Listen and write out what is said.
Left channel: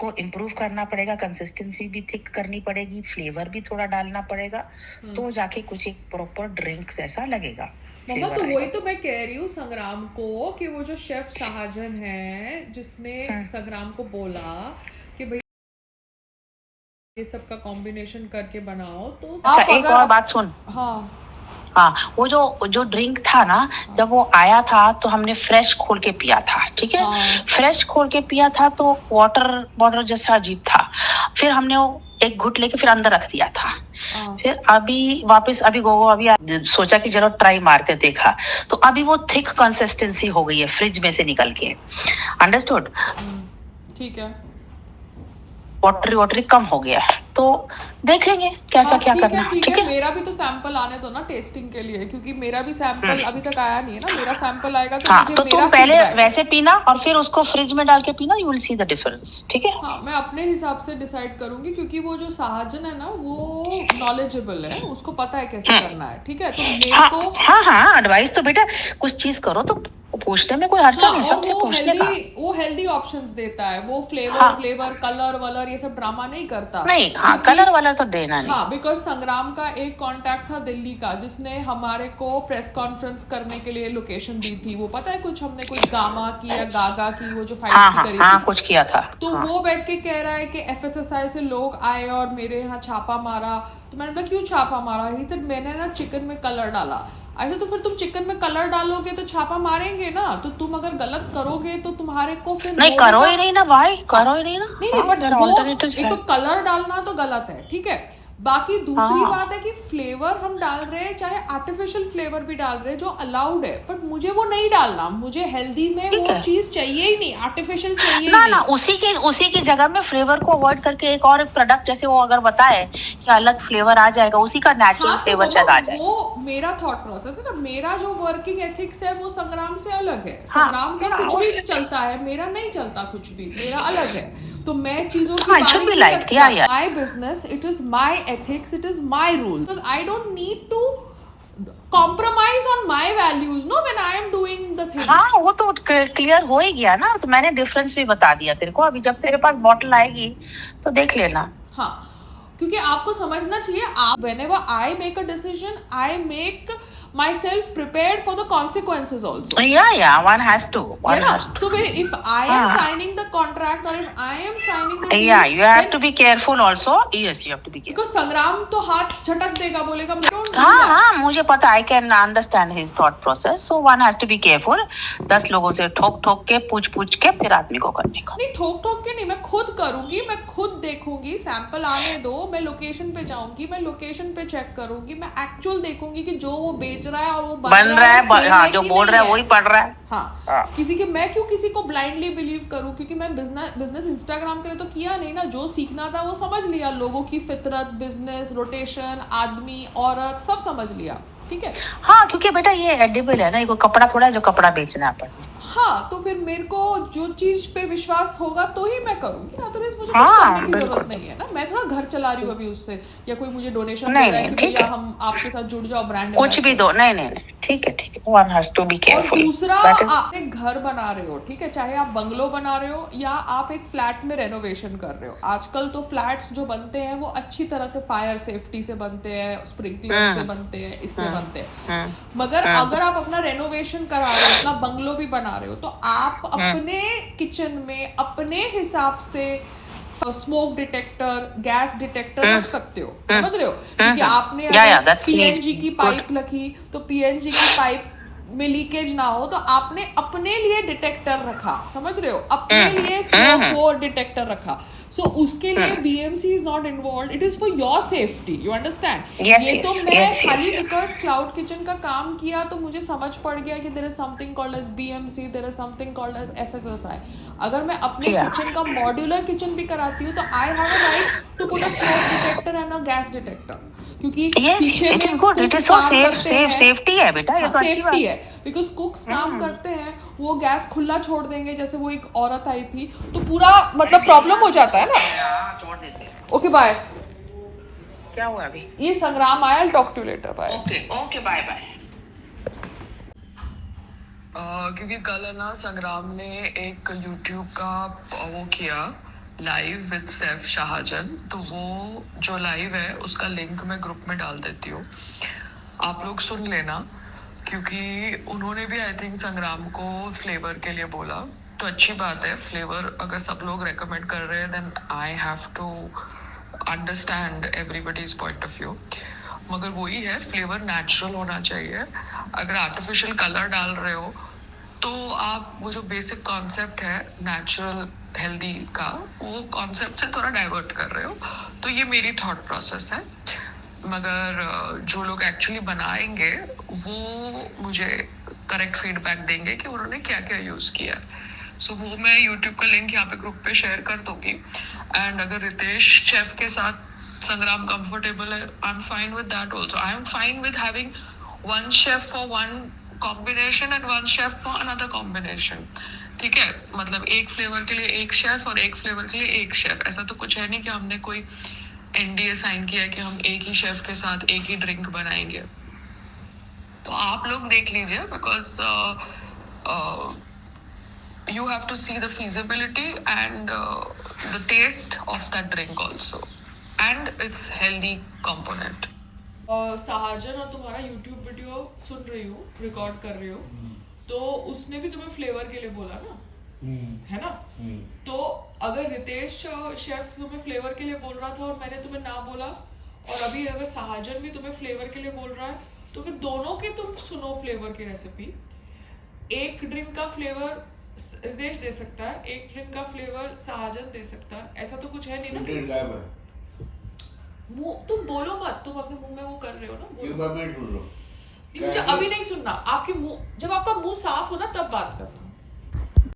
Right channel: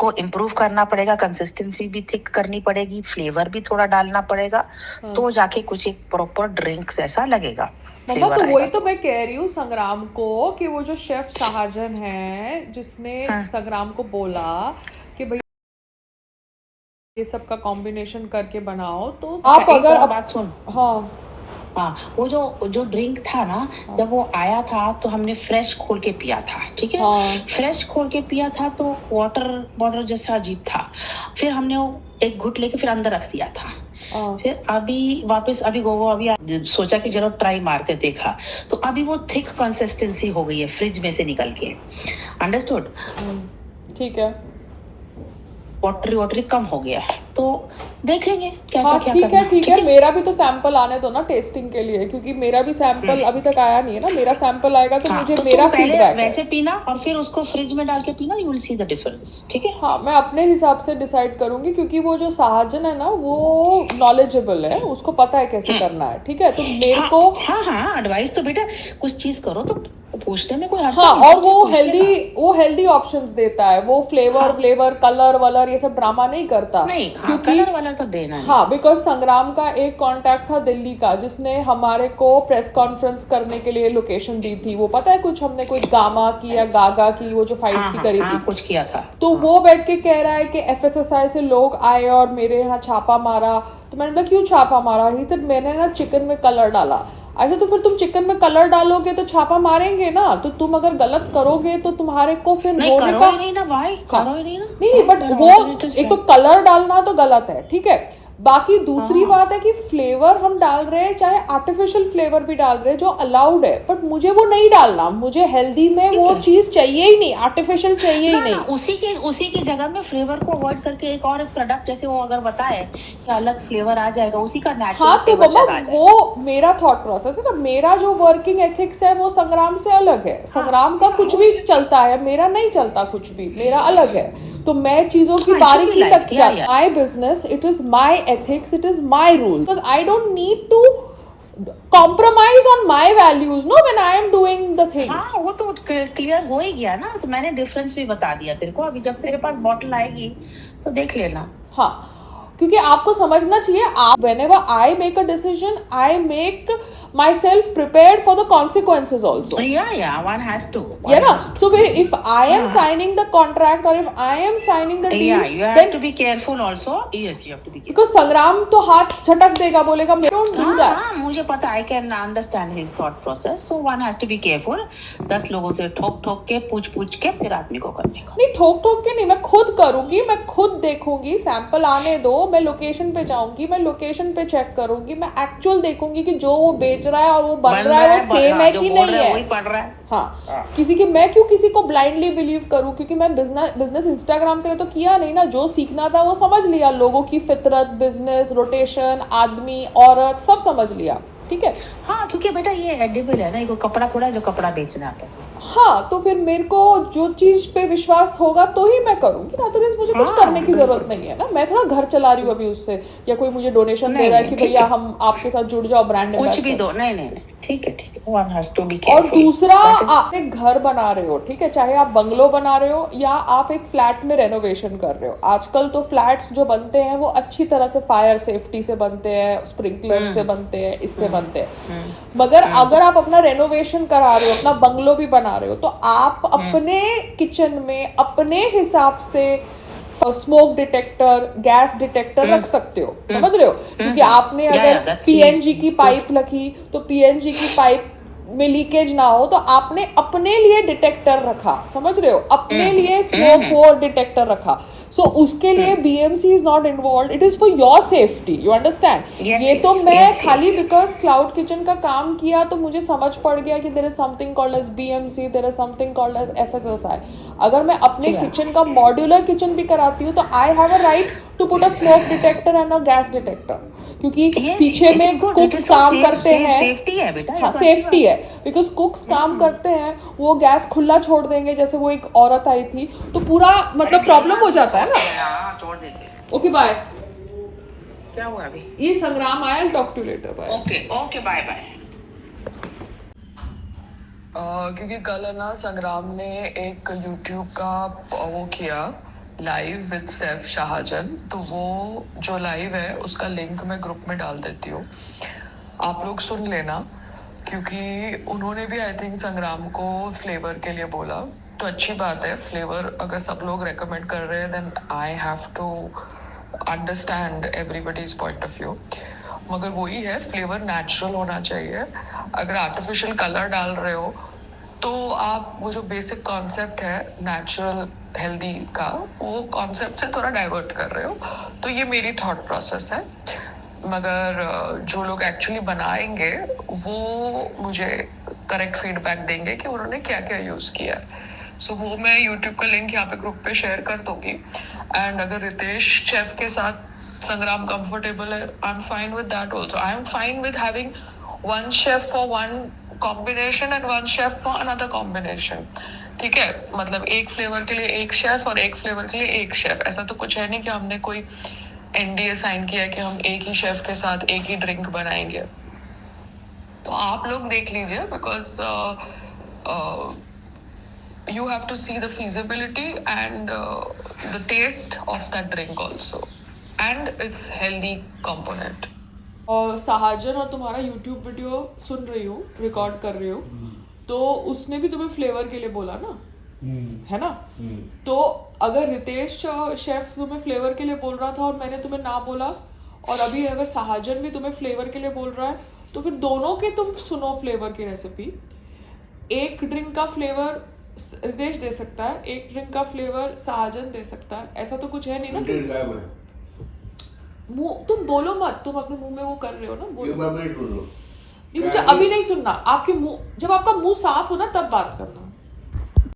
को इम्प्रूव करना पड़ेगा, कंसिस्टेंसी भी थिक करनी पड़ेगी, फ्लेवर भी थोड़ा डालना पड़ेगा, तो जाके कुछ एक प्रॉपर ड्रिंक्स ऐसा लगेगा। मम्मा तो वही तो मैं कह रही हूँ संग्राम को कि वो जो शेफ शाहजन है जिसने संग्राम को बोला कि भाई ये सब का कॉम्बिनेशन करके बनाओ, तो अच्छा, एक और बात सुन। हाँ हाँ, वो जो ड्रिंक था ना, जब वो आया था तो हमने फ्रेश खोल के पिया था, ठीक है। फ्रेश खोल के पिया था तो वाटर जैसा अजीब था। फिर हमने वो एक घुट लेके फिर अंदर रख दिया था। फिर अभी गोगो अभी सोचा कि चलो ट्राई मारते, देखा तो अभी वो थिक कंसिस्टेंसी हो गई है फ्रिज में से निकल के। अंडरस्टूड? ठीक है, वाटरी कम हो गया है, तो देखेंगे कैसा क्या करना। ठीक है, मेरा भी तो सैंपल आने दो ना टेस्टिंग के लिए, क्योंकि मेरा भी सैंपल अभी तक आया नहीं है ना। मेरा सैंपल आएगा तो मुझे तो मेरा तुम पहले फीडबैक वैसे पीना और फिर उसको फ्रिज में डाल के पीना, you will see the difference, ठीक है। हाँ, मैं अपने हिसाब से डिसाइड करूंगी, क्योंकि वो जो शाहजन है ना वो नॉलेजेबल है, उसको पता है कैसे करना है, ठीक है। तो मेरे को हाँ एडवाइस तो बेटा कुछ चीज करो तो पूछने में कोई हर्ज हाँ, नहीं। और वो हेल्दी ऑप्शंस देता है, वो फ्लेवर कलर वलर ये सब ड्रामा नहीं करता। नहीं, हाँ, कलर वाला तो देना नहीं। हाँ, बिकॉज संग्राम का एक कांटेक्ट था दिल्ली का जिसने हमारे को प्रेस कॉन्फ्रेंस करने के लिए लोकेशन दी थी। वो पता है कुछ हमने कोई गामा की या गागा की वो जो फाइट की करी थी, कुछ किया था। तो वो बैठ के कह रहा है कि एफएसएसआई से लोग आए और मेरे यहाँ छापा मारा। तो मैंने बोला क्यों छापा मारा? ही सर मैंने ना चिकन में कलर डाला। ऐसे तो फिर तुम चिकन में कलर डालोगे तो छापा मारेंगे ना, तो तुम अगर गलत करोगे तो तुम्हारे को फिर नहीं करो ही नहीं ना भाई, करो ही नहीं ना। नहीं, बट वो एक तो कलर डालना तो गलत है, ठीक है। बाकी दूसरी बात है कि फ्लेवर हम डाल रहे हैं, चाहे आर्टिफिशियल फ्लेवर भी डाल रहे हैं जो अलाउड है, बट मुझे वो नहीं डालना। मुझे हेल्दी में वो चीज चाहिए ही नहीं, आर्टिफिशियल चाहिए ही नहीं। उसी की जगह में फ्लेवर को अवॉइड करके एक और प्रोडक्ट जैसे वो अगर बताए कि अलग फ्लेवर आ जाएगा, उसी का नेचुरल फ्लेवर आ जाएगा। वो मेरा थॉट प्रोसेस है ना, मेरा जो वर्किंग एथिक्स है वो संग्राम से अलग है। संग्राम का कुछ भी चलता है, मेरा नहीं चलता कुछ भी, मेरा अलग है। तो मैं चीजों की बारीकी तक my business, it is my ethics, it is my rule, because I don't need to compromise on my values no when I am doing the thing। हाँ, वो तो क्लियर हो ही गया ना, तो मैंने डिफरेंस भी बता दिया तेरे को। अभी जब तेरे पास बॉटल आएगी तो देख लेना। हाँ, क्योंकि आपको समझना चाहिए, आप whenever I make a decision, I make myself prepared for the consequences also। Yeah, one has to। Yeah, ना? So if I am signing the contract or if I am signing the deal, yeah, you have to be careful also। Yes, you have to be careful। Because संग्राम तो हाथ झटक देगा, बोलेगा don't do that। हाँ, मुझे पता, I can understand his thought process। So one has to be careful। 10 लोगों से ठोक के पूछ के फिर आदमी को करने का। नहीं, ठोक के नहीं, मैं खुद करूंगी, मैं खुद देखूंगी, सैंपल आने दो, मैं लोकेशन पे जाऊंगी, मैं लोकेशन पे चेक करूंगी, मैं एक्चुअल देखूंगी कि जो वो बेच रहा है और वो बन रहा है वो सेम है कि नहीं है, वही पड़ रहा है। हाँ, मैं क्यों किसी को ब्लाइंडली बिलीव करूं? क्योंकि मैं बिजनेस इंस्टाग्राम के लिए तो किया नहीं ना। जो सीखना था वो समझ लिया, लोगों की फितरत, बिजनेस, रोटेशन, आदमी, औरत, सब समझ लिया, ठीक है। हाँ, क्योंकि बेटा ये एडिबल है ना, ये कपड़ा थोड़ा है जो कपड़ा बेचना है अपन। हाँ, तो फिर मेरे को जो चीज पे विश्वास होगा तो ही मैं करूंगी, अदरवाइज मुझे कुछ करने की जरूरत नहीं है ना। मैं थोड़ा घर चला रही हूँ अभी उससे, या कोई मुझे डोनेशन दे रहा है कि भैया हम आपके साथ जुड़ जाओ, ब्रांड कुछ भी दो, नहीं, ठीक है, one has to be careful. और दूसरा, आप एक घर बना रहे हो, ठीक है, चाहे आप बंगलो बना रहे हो या आप एक फ्लैट में रेनोवेशन कर रहे हो। आजकल तो फ्लैट्स जो बनते हैं वो अच्छी तरह से फायर सेफ्टी से बनते हैं, स्प्रिंकलर से बनते हैं, इससे बनते हैं। मगर अगर आप अपना रेनोवेशन करा रहे हो, अपना बंगलो भी बना रहे हो, तो आप अपने किचन में अपने हिसाब से स्मोक डिटेक्टर, गैस डिटेक्टर रख सकते हो, समझ रहे हो? क्योंकि आपने अगर पीएनजी की पाइप रखी तो पीएनजी की पाइप में लीकेज ना हो, तो आपने अपने लिए डिटेक्टर रखा, समझ रहे हो? अपने लिए स्मोक वो डिटेक्टर रखा। सो उसके लिए BMC is not involve, it is for your safety, you understand? ये तो मैं खाली बिकॉज क्लाउड किचन का काम किया तो मुझे समझ पड़ गया कि there is something called as BMC, there is something called as FSSAI. अगर मैं अपने किचन का मॉड्यूलर किचन भी कराती हूँ तो I have a right to put a smoke detector and a gas detector, क्योंकि पीछे में कुक्स काम करते हैं, सेफ्टी है बेटा, हाँ, सेफ्टी है, बिकॉज कुक्स काम करते हैं, वो गैस खुला छोड़ देंगे, जैसे वो एक औरत आई थी तो पूरा मतलब प्रॉब्लम हो जाता है ना। छोड़ देते हैं। Okay bye. क्या हुआ अभी? ये संग्राम आया, talk to later, bye. Okay bye. क्योंकि कल है ना संग्राम ने एक YouTube का वो किया लाइव विद सैफ शाहजन, तो वो जो लाइव है उसका लिंक मैं ग्रुप में डाल देती हूँ, आप लोग सुन लेना, क्योंकि उन्होंने भी आई थिंक संग्राम को फ्लेवर के लिए बोला, तो अच्छी बात है, फ्लेवर अगर सब लोग रेकमेंड कर रहे हैं then I have to understand everybody's point of view, मगर वही है, फ्लेवर नेचुरल होना चाहिए। अगर आर्टिफिशियल कलर डाल रहे हो तो आप वो जो बेसिक कॉन्सेप्ट है नेचुरल हेल्दी का, वो कॉन्सेप्ट से थोड़ा डाइवर्ट कर रहे हो, तो ये मेरी थॉट प्रोसेस है। मगर जो लोग एक्चुअली बनाएंगे वो मुझे करेक्ट फीडबैक देंगे कि उन्होंने क्या क्या यूज़ किया है। सो वो मैं यूट्यूब का लिंक यहाँ पे ग्रुप पे शेयर कर दूंगी, एंड अगर रितेश शेफ के साथ संग्राम कंफर्टेबल है, I am fine with that also. I am fine with having one chef for one combination and one chef for another combination, ठीक है, मतलब एक फ्लेवर के लिए एक शेफ और एक फ्लेवर के लिए एक शेफ, ऐसा तो कुछ है नहीं कि हमने कोई एनडीए साइन किया है कि हम एक ही शेफ के साथ एक ही ड्रिंक बनाएंगे। तो आप लोग देख लीजिए, because you have to see the feasibility and the taste of that drink also, and its healthy component. सहाजन और तुम्हारा यूट्यूब वीडियो सुन रही हूँ, रिकॉर्ड कर रही हूँ, तो उसने भी तुम्हें फ्लेवर के लिए बोला ना, है ना? तो अगर रितेश शेफ तुम्हें फ्लेवर के लिए बोल रहा था और मैंने तुम्हें ना बोला, और अभी अगर सहाजन भी तुम्हें फ्लेवर के लिए बोल रहा है, तो फिर दोनों के तुम सुनो फ्लेवर की रेसिपी। एक ड्रिंक का फ्लेवर रितेश दे सकता है, एक ड्रिंक का फ्लेवर सहाजन दे सकता है, ऐसा तो कुछ है नहीं ना। मुंह तुम बोलो मत, तुम अपने मुंह में वो कर रहे हो ना, बोलो। नहीं, मुझे अभी नहीं सुनना, आपके मुंह, जब आपका मुंह साफ हो ना तब बात करना।